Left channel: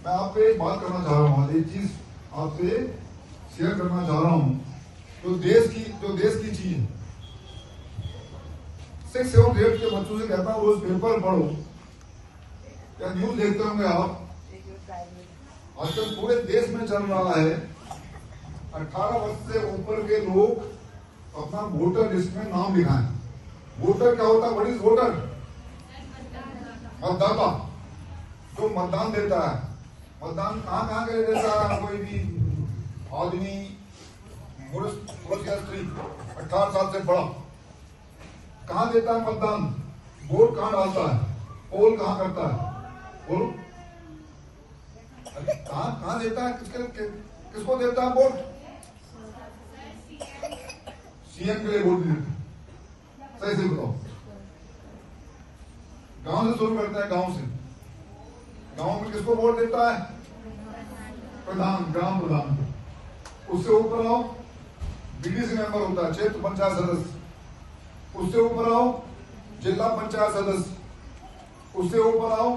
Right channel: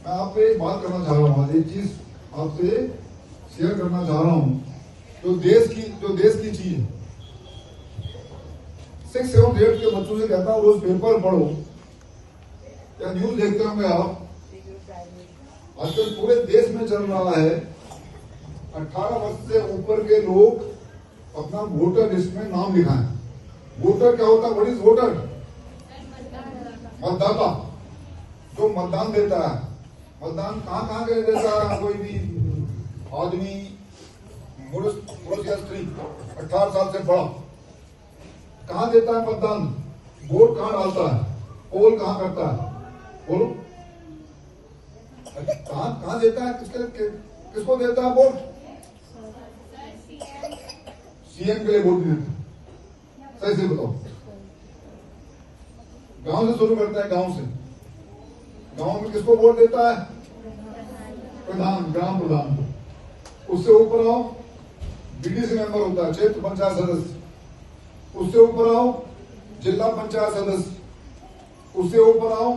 मैं आपसे एक बात करना चाह रहा हूँ, एक चीज आपसे शेयर करना चाह रहा हूँ जो देश की चीज है। 6, 7, 8 के बच्चों से कहता हूँ रोज पेपर पढ़ो या न्यूज देखते होंगे आप। आजकल पूरे देश में चल रहा है 18 वर्ष से ऊपर के लोग अपना वोटर लिस्ट में नाम लिखाएं। वोटर क्या होता है? What is voter? मतदाता, जो मतदान देता है। मतदान कहाँ के लिए देता है? कोई भी आदमी, पुरुष या स्त्री 18 साल से बड़ा कहाँ देता है मतदान? वोट कहाँ डालता है? पोल कहाँ करता है? बोलो, कहाँ देता है? किसको देता है वोट? सीएम के लिए वोट देते हैं। सही से बताओ। गांव से शुरू करते हैं। गांव में किसको वोट देता है? प्रधान, ग्राम प्रधान। उससे ऊपर आओ बीडीसी मेंबर होता है, क्षेत्र पंचायत सदस्य। उससे ऊपर आओ जिला पंचायत सदस्य। उससे ऊपर आओ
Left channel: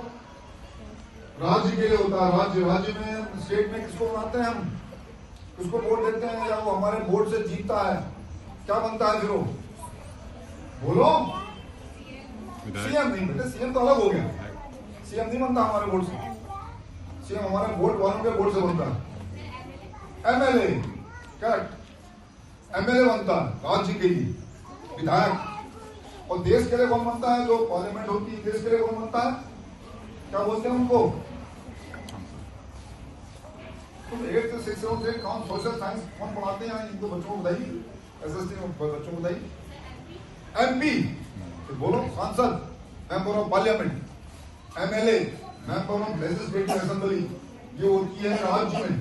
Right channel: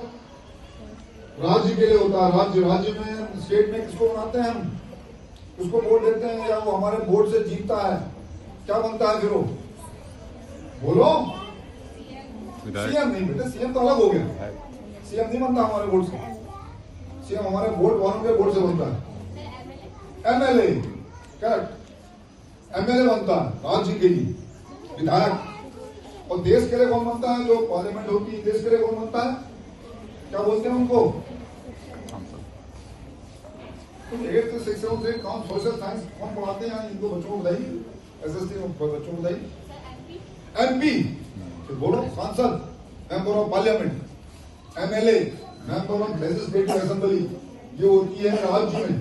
राज्य के लिए होता है राज्य में, स्टेट में किसको बनाते हैं हम? किसको वोट देते हैं या वो हमारे वोट से जीतता है? क्या बनता है फिर वो? बोलो। सीएम नहीं बेटा, सीएम तो अलग हो गया। सीएम नहीं बनता हमारे वोट से। सीएम हमारे वोट वालों के वोट से बनता है। एमएलए, करेक्ट, एमएलए बनता है राज्य के लिए, विधायक। और देश के लिए कौन बनता है? जो पार्लियामेंट होती है, देश के लिए कौन बनता है? क्या बोलते हैं उनको? तुम 8 से 6 से कौन सोशल साइंस कौन पढ़ाते हैं? इनको बच्चों को बताइए, एसएससी में बच्चों को बताइए। एमपी बोलो, सांसद, member of parliament. MLA, member of legislative assembly. ये होती है राज्य में।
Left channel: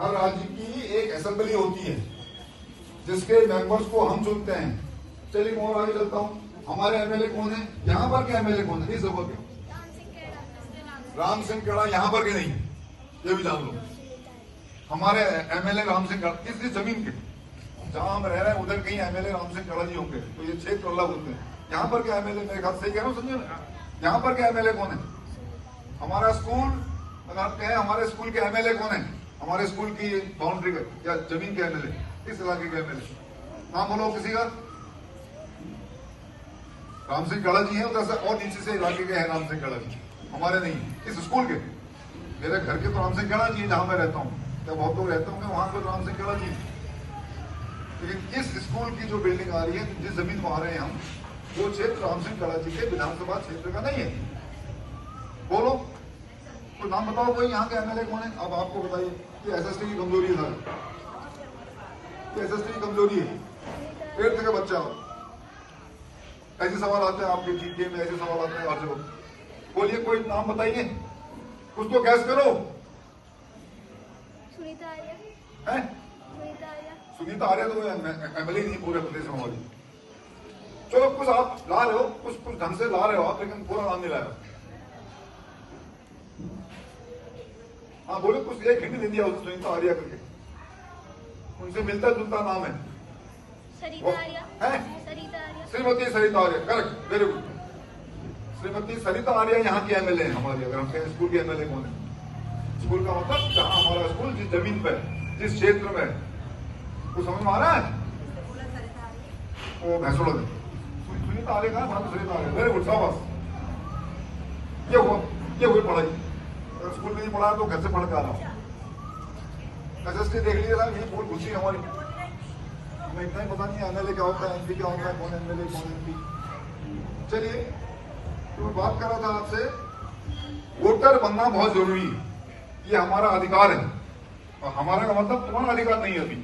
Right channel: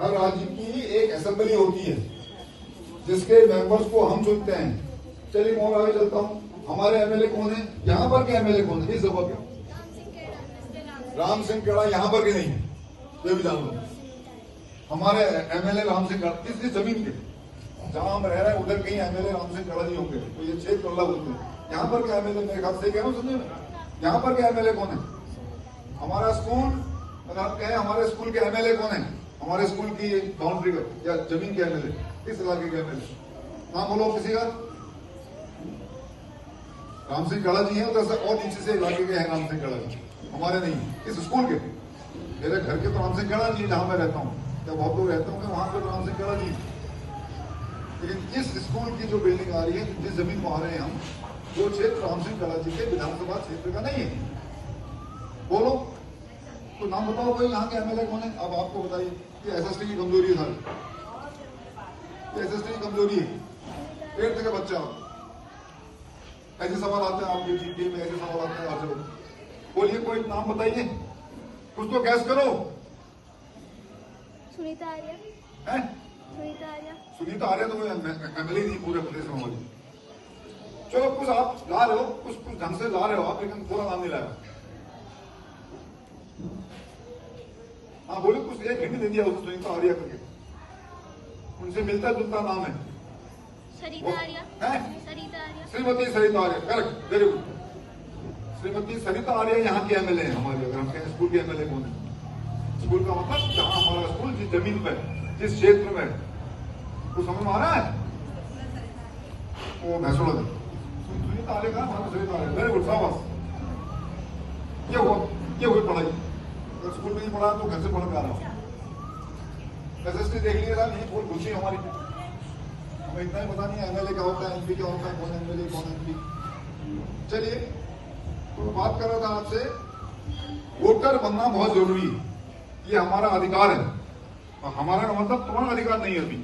हर राज्य की एक असेंबली होती है जिसके मेंबर्स को हम चुनते हैं। चलिए मैं और आगे चलता हूं। हमारे एमएलए कौन है? यहां पर के एमएलए कौन है? इस सभा के राम सिंह केड़ा यहां पर के नहीं है, ये भी जान लो। हमारे एमएलए राम सिंह केड़ा इस जमीन के जहां हम रह रहे हैं उधर कहीं एमएलए राम सिंह केड़ा नहीं होंगे, तो ये क्षेत्र अल्लाह बोलते हैं। यहां पर के एमएलए मेरे ख्याल से कह रहा हूं, समझे? यहां पर के एमएलए कौन है? हमारा स्कूल है, हमारे स्कूल के एमएलए कौन है? हमारे स्कूल की बाउंड्री या जमीन के एमएलए, इस इलाके के एमएलए नाम बोलो किसी का। राम सिंह केड़ा जी है, उधर और नीचे से इलाके के हैं राम सिंह केड़ा जी, हमारे नहीं, इस स्कूल के। मेरे घर के तो राम सिंह केड़ा जी जहां मैं रहता हूं, या बहुत लोग रहते होंगे वहां पर राम सिंह केड़ा जी। लेकिन इस स्कूल की जो बिल्डिंग आ रही है, जिस जमीन को आ रहे हैं हम, वो क्षेत्र राम सिंह केड़ा जी के विधानसभा क्षेत्र का नहीं है। बोलो, तो नाम बताओ कोई यहाँ के एमएलए कौन है? अब आपको बताइए, ये एसएससी की कमजोरी है सर, ये एसएससी की कमजोरी है। 8th के बच्चा ऐसे सवाल आते हैं आपके जीके में, ऐसे सवाल आते हैं। आज बोलिए, कोई नाम बताइए, कुछ तो गैस करो। सुनीता आर्य है? सुनीता आर्य तो एमएलए नहीं पूरे प्रदेश में हमारी। चलो कुछ आप ला रहे हो, कुछ ढंग से ला रहे हो आप, लेकिन पूरा नाम नहीं लाया। हाँ बोले, कुछ एक हिंदी दे दिया उसको सुनीता आर्य करके, उनसे मिलता जुलता नाम है। श्रीमती सरिता आर्य, correct, very good. Shrimati Sarita आर्य यहाँ के एमएलए हैं हमारे। अगर हम कहें स्कूल के एमएलए कौन है? स्कूल का मतलब जहां हमारा स्कूल जिस जमीन पर, जिस क्षेत्र में, कुछ समझ में आ रहा है? वो भैंसोड़ा सुनीता आर्य का नाम सरिता आर्य, वेरी गुड, शाबाश। ये हुई पढ़ाई। अगर स्कूल में नहीं पढ़ा तो घर से पढ़ के आ रहा। एसएसटी देख लीजिएगा, यही बहुत खुशी हमारी। हमें इतना ही पता नहीं है एमएलए क्या होता है, एमपी क्या होता है, कौन एमएलए कौन एमपी। चलिए, तो मैं बात कर रहा था आपसे, वोटर बनना बहुत जरूरी है, ये हमारा अधिकार है। और हमारा मतलब तुम्हारा अधिकार नहीं है अभी।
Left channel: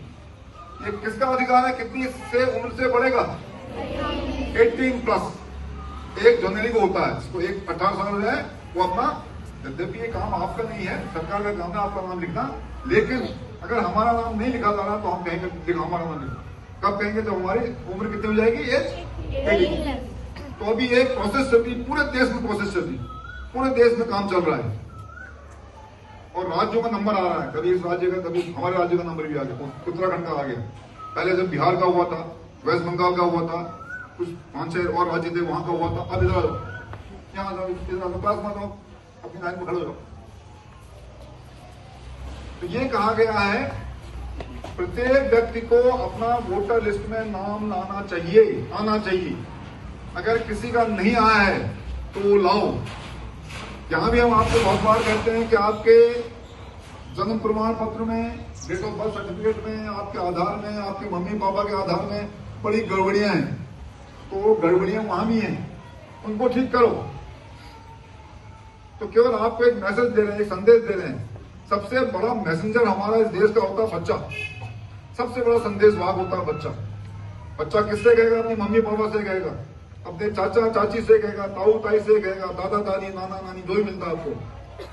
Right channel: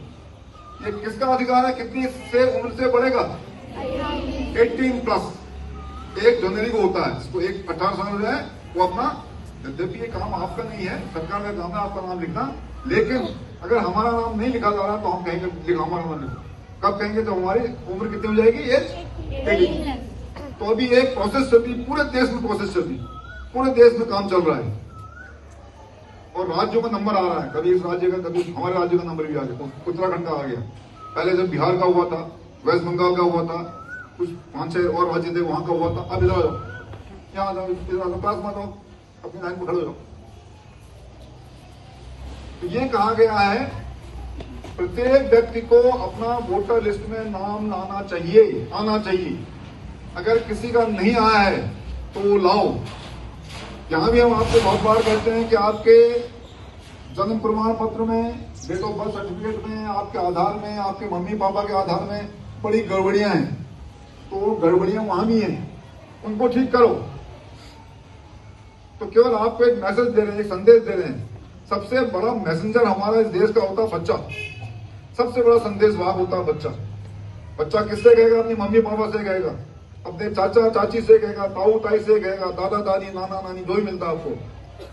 ये किसका अधिकार है? कितनी से उम्र से बढ़ेगा? 18+। 1 जनवरी को होता है, तो 18 साल हो जाए वो अपना, यद्यपि ये काम आपका नहीं है, सरकार का काम है आपका नाम लिखना। लेकिन अगर हमारा नाम नहीं लिखा जा रहा तो हम कहेंगे कि हमारा नाम लिखा। कब कहेंगे? तो हमारी उम्र कितनी हो जाएगी? 1। तो अभी एक प्रोसेस चलती, पूरे देश में प्रोसेस चलती, पूरे देश में काम चल रहा है। और राज्यों में नंबर आ रहा है, कभी इस राज्य का, कभी हमारे राज्य का नंबर भी आ गया, उत्तराखंड का आ गया। पहले जब बिहार का हुआ था, वेस्ट बंगाल का हुआ था, कुछ 5-6 और राज्य थे वहां का हुआ था। अब इधर क्या पास मतलब अपनी लाइन में खड़े हो, तो ये कहा गया है प्रत्येक व्यक्ति को अपना वोटर लिस्ट में नाम आना चाहिए। अगर किसी का नहीं आया है तो वो लाओ। यहां भी हम आपको बहुत बार कहते हैं कि आपके जन्म प्रमाण पत्र में, डेट ऑफ बर्थ सर्टिफिकेट में, आपके आधार में, आपके मम्मी पापा के आधार में बड़ी गड़बड़ियां हैं, तो वो गड़बड़ियां वहां भी हैं, उनको ठीक करो। तो केवल आपको एक मैसेज दे रहे हैं, संदेश दे रहे हैं। सबसे बड़ा मैसेंजर हमारा इस देश का होता बच्चा। सबसे बड़ा संदेश भाग होता है बच्चा। बच्चा किससे कहेगा? अपने मम्मी पापा से कहेगा, अपने चाचा चाची से कहेगा, ताऊ ताई से कहेगा, दादा दादी नाना नानी, दो ही मिलता है आपको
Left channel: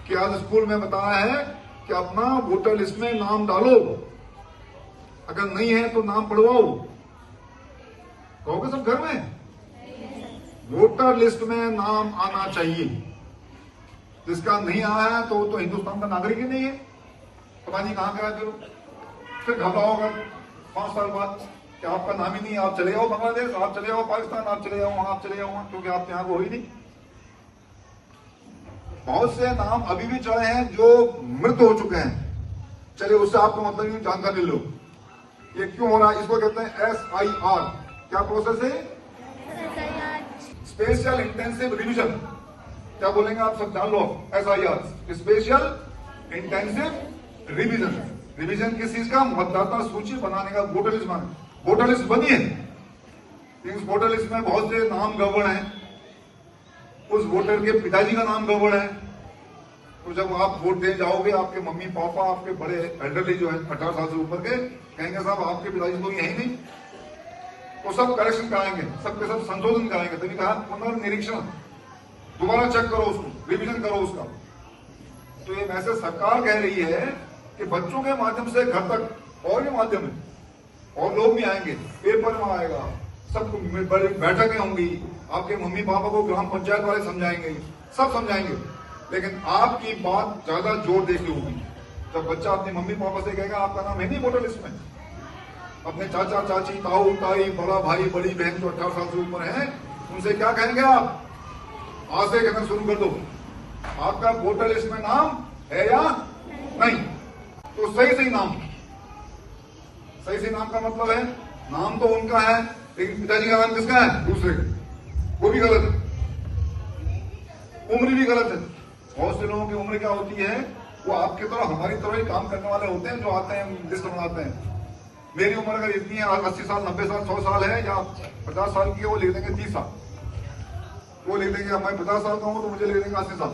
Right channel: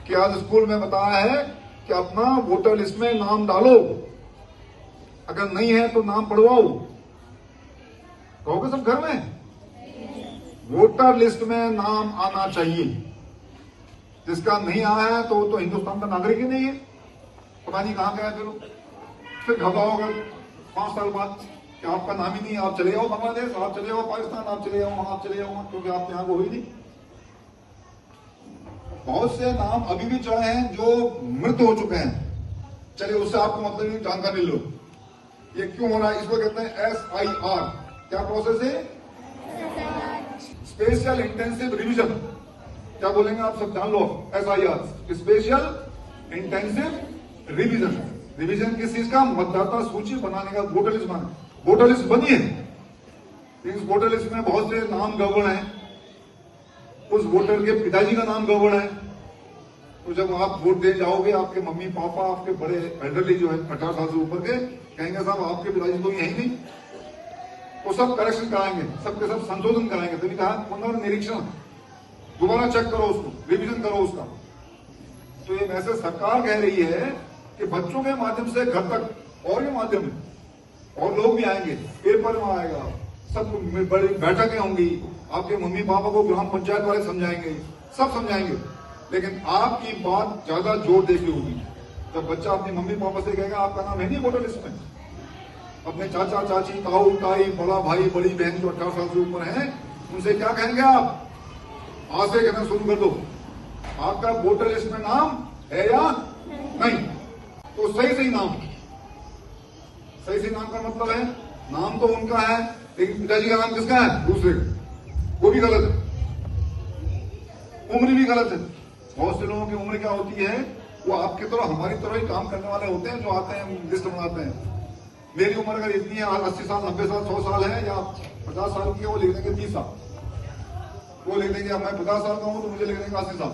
कि आज स्कूल में बताया है कि अपना वोटर लिस्ट में नाम डालो, अगर नहीं है तो नाम पढ़वाओ। कहोगे तुम घर में? वोटर लिस्ट में नाम आना चाहिए। जिसका नहीं आया है तो हिंदुस्तान का नागरिक ही नहीं है। पता नहीं कहां गया चलो, फिर घबरा होगा 5 साल बाद कि आपका नाम ही नहीं, आप चले जाओ बांग्लादेश, आप चले जाओ पाकिस्तान, आप चले जाओ वहां, आप चले जाओ वहां, क्योंकि आप यहां को हो ही नहीं। बहुत से नाम अभी भी चले हैं जो मृत हो चुके हैं। चलिए उससे आपको मतलब नहीं, जानकारी लो ये क्यों हो रहा है। इसको कहते हैं SIR। क्या प्रोसेस है? Special intensive revision. क्या बोलेंगे आप सब जान लो। SIR special intensive revision. Revision किस चीज का? मतदाता सूची बनाने का, वोटर लिस्ट बनाने। वोटर लिस्ट बनी है, इस वोटर लिस्ट में बहुत से नाम गड़बड़ हैं। उस वोटर के पिताजी का नाम गड़बड़ है, तो जब आप वोट दे जाओगे आपके मम्मी पापा, आपके बड़े एल्डरली जो है 18 साल से ऊपर के, कहेंगे साहब आपके पिताजी को यही नहीं, तो सब करेक्शन कराएंगे, सबके सब संशोधन कराएंगे। फिर कहा पुनर्निरीक्षण, दोबारा चेक करो उसको, रिविजन करो उसका। तो ये मैसेज सरकार कह रही है कि बच्चों के माध्यम से घर तक और ये माध्यम और लोग भी आएंगे, पेपर में आएगा, सब बड़ी बैठकें होंगी, आपके मम्मी पापा को ग्राम पंचायत वाले समझाएंगे, सब समझाएंगे, लेकिन आपकी बात ज्यादा जोर देके होगी। जब बच्चा अपनी मम्मी पापा से कहेगा आपका नाम है नहीं वोटर लिस्ट में, अपने चाचा चाची, ताऊ ताई, बड़ा भाई बड़ी बहन जो 18 साल से ऊपर है, उनसे क्या कहेंगे आप? आज से कहना शुरू कर दो, आपका वोटर लिस्ट में नाम है या नहीं? तो सही नाम, सही नाम का मतलब है नाम तो उनका है, लेकिन पिताजी का नाम किसका है? दूसरे का। वो भी गलत है, उम्र भी गलत है। बहुत से लोगों की उम्र क्या होती है, वो आपकी तरह हमारी तरह ही काम करने वाले होते हैं, जो आते हैं लिस्ट बनाते हैं। मेरी उम्र अगर इतनी है, 80 साल 90 साल 100 साल है या 50 साल की है, वो लिख देंगे 30 साल, वो लिख देंगे मैं 50 साल का हूं तो मुझे लिख देंगे 80 साल।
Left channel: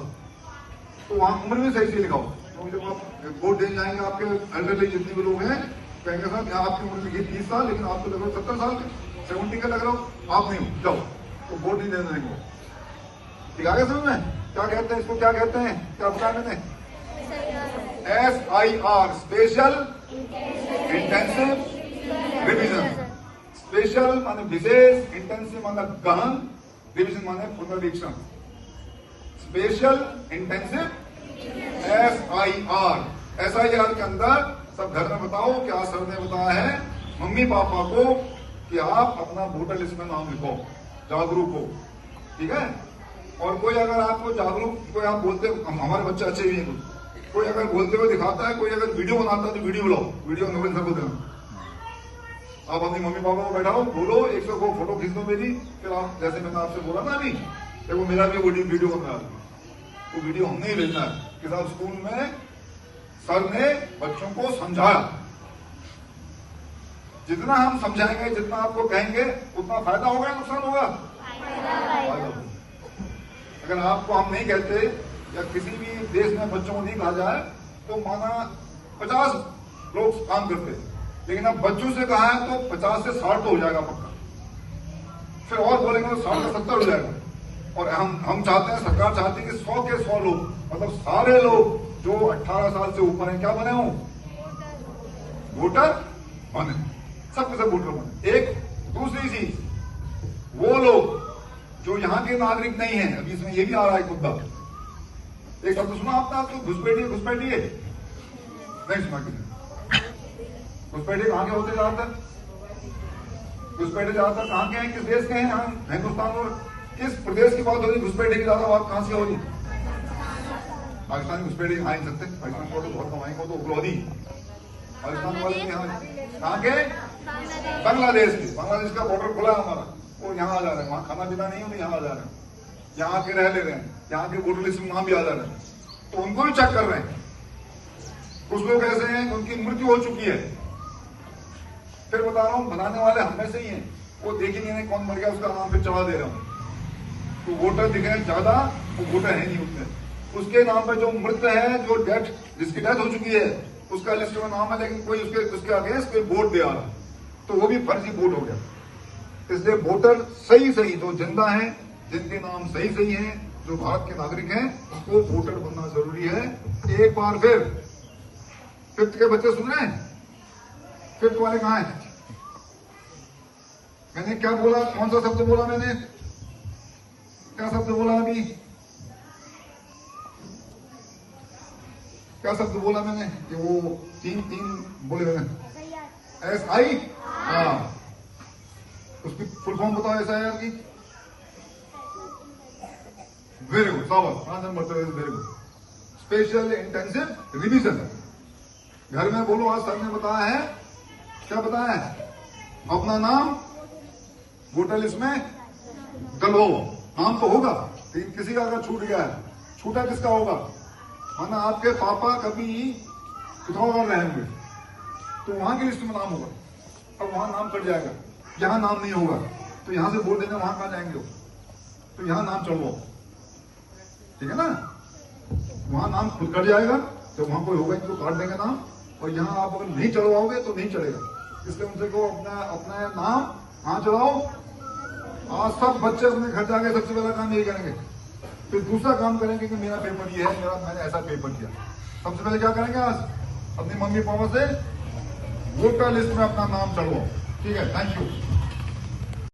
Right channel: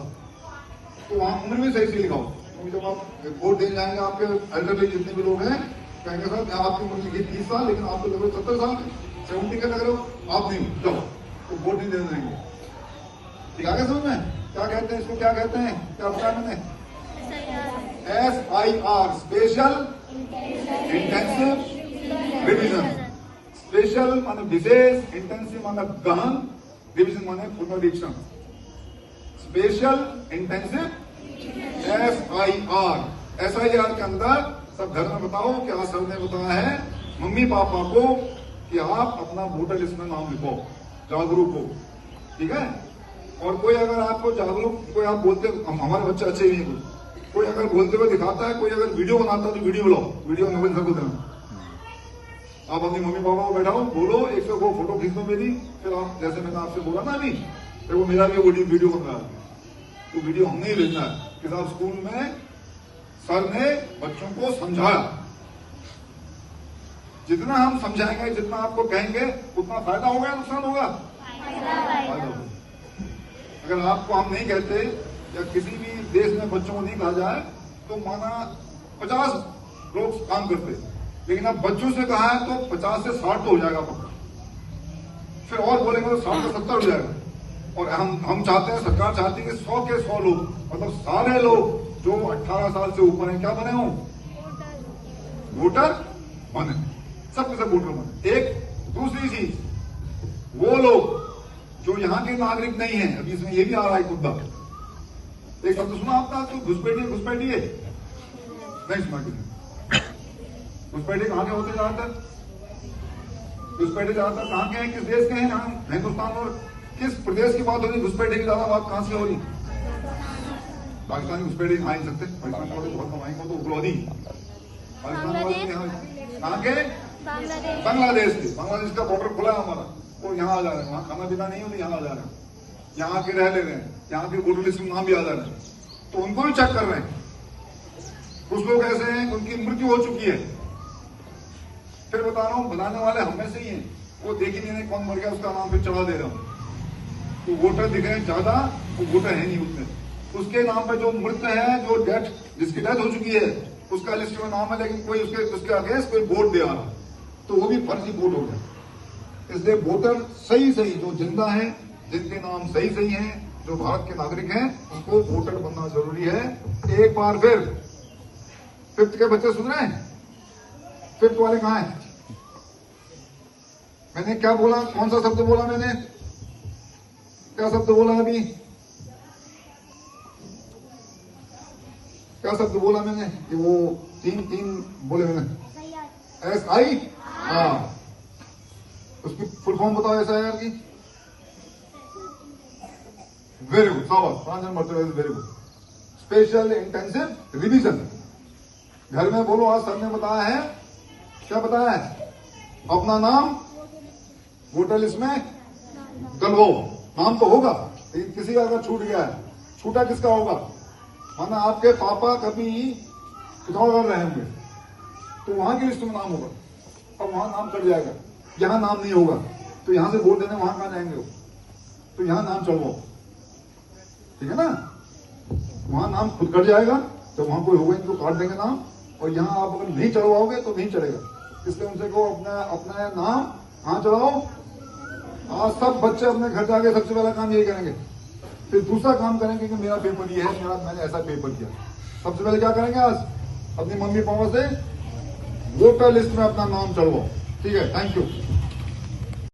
तो वहां उम्र भी सही से लिखाओ, क्योंकि जब आप वोट देने जाएंगे आपके एल्डरली जितने भी लोग हैं, कहेंगे सर यहाँ आपकी उम्र लिखी 30 साल, लेकिन आपको लग रहा 70 साल के, 70 के लग रहा हो, आप नहीं हो, जाओ, तो वोट नहीं देने देंगे। ठीक है समझ में? क्या कहते हैं इसको, क्या कहते हैं, क्या बताया मैंने? SIR special intensive revision. Special माने विशेष, इंटेंसिव माने गहन, रिवीजन माने पुनरीक्षण। स्पेशल इंटेंसिव SIR के अंदर तब घर में बताओ कि आज सर ने बताया है मम्मी पापा को कि आप अपना वोटर लिस्ट में नाम लिखो, जागरूक हो। ठीक है? और कोई अगर आपको जागरूक, कोई आप बोलते हमारे बच्चे अच्छे ही नहीं, कोई अगर बोलते हुए दिखाता है, कोई अगर वीडियो बनाता है तो वीडियो बनाओ, वीडियो मोबाइल से बोलते हैं। आप अपनी मम्मी पापा को बैठाओ, बोलो, एक तो वो फोटो खींच दो मेरी, फिर आप जैसे मैंने आपसे बोला ना अभी, देखो मेरा भी वीडियो बन रहा है, वो वीडियो हमने ही लेना है कि साहब स्कूल में सर ने बच्चों को समझाया। जितना हम समझाएंगे, जितना आपको कहेंगे, उतना फायदा होगा, नुकसान होगा? अगर आपको हम नहीं कहते या किसी भी देश में बच्चों को नहीं कहा जाए तो माना 50 लोग काम करते, लेकिन अब बच्चों से कहा है तो 50 से 60 तो हो जाएगा पक्का, फिर और बोलेंगे तो 60 से 70 हो जाएगा। और हम चाहते हैं, सरकार चाहती है कि 100 के 100 लोग, मतलब सारे लोग जो 18 साल से ऊपर हैं, क्या बने हो? वोटर बने, सबके सब वोटर बने। एक दूसरी चीज, वो लोग जो यहाँ के नागरिक नहीं है, अभी इसमें यही आ रहा है मुद्दा, एक शब्द सुना आपका कि घुसपैठी है, नहीं सुना किसी? घुसपैठी कहाँ के होते हैं ज्यादातर? घुसपैठी ज्यादातर कहाँ के हैं, किस देश के हैं? हिंदुस्तान और किस प्रदेश की बात हो रही? घुसपैठी की ज्यादा बात कहां से हो रही? पाकिस्तान उस पर ही खाई सकते, पाकिस्तान को तो बहुत कमाएंगे, तो उग्रवादी पाकिस्तान वाले कहाँ के, बांग्लादेश के, बांग्लादेश का बॉर्डर खुला है हमारा, वो यहाँ आ जा रहे हैं, वहाँ खाना पीना नहीं है तो यहाँ आ जा रहे हैं, यहाँ के रह ले रहे हैं, यहाँ के वोटर लिस्ट में नाम भी आ जा रहे हैं, तो उनको भी चेक कर रहे हैं। कुछ लोग ऐसे हैं उनकी मृत्यु हो चुकी है, फिर बता रहा हूँ बनाने वाले हमें से ही हैं, वो देख ही नहीं कौन मर गया उसका नाम फिर चला दे रहा हूँ, तो वोटर दिखे ज्यादा, वो वोटर है नहीं उसमें, उसके नाम में जो मृत है, जो डेथ, जिसकी डेथ हो चुकी है उसका लिस्ट में नाम है, लेकिन कोई उसके अगेंस्ट कोई वोट दे रहा, तो वो भी फर्जी वोट हो गया। इसलिए वोटर सही जो जिंदा है, जिनके नाम सही हैं, जो भारत के नागरिक हैं, उनको वोटर बनना जरूरी है। एक बार फिर फिफ्थ के बच्चे सुन रहे हैं, फिफ्थ वाले कहाँ हैं? मैंने क्या बोला, कौन सा शब्द बोला मैंने, क्या शब्द बोला अभी, क्या शब्द बोला मैंने, कि वो तीन बोले मैंने, SI, हाँ, उसकी फुल फॉर्म बताओ SIR की। Very good, 5 number, very good. Special intensive revision. घर में बोलो, आज सर ने बताया है, क्या बताया है, अपना नाम वोटर लिस्ट में डलवाओ, नाम तो होगा लेकिन किसी का अगर छूट गया है, छूटा किसका होगा, माना आपके पापा कभी पिथौरागढ़ रहे होंगे तो वहां की लिस्ट में नाम होगा, अब वहां नाम कट जाएगा, यहां नाम नहीं होगा, तो यहां से वोट देने वहां कहां जाएंगे, तो यहां नाम चढ़वाओ, ठीक है ना, वहां नाम खुद कट जाएगा, जब वहां कोई होगा तो काट देंगे नाम, और यहां आप अगर नहीं चढ़वाओगे तो नहीं चढ़ेगा, इसलिए उनसे को अपना नाम कहां चढ़ाओ। आज सब बच्चे अपने घर जाके सबसे पहला काम यही करेंगे, फिर दूसरा काम करेंगे कि मेरा पेपर ये है, मैंने ऐसा पेपर किया, सबसे पहले क्या करेंगे, आज अपनी मम्मी पापा से वोटर लिस्ट में अपना नाम चढ़वाओ, ठीक है, थैंक यू।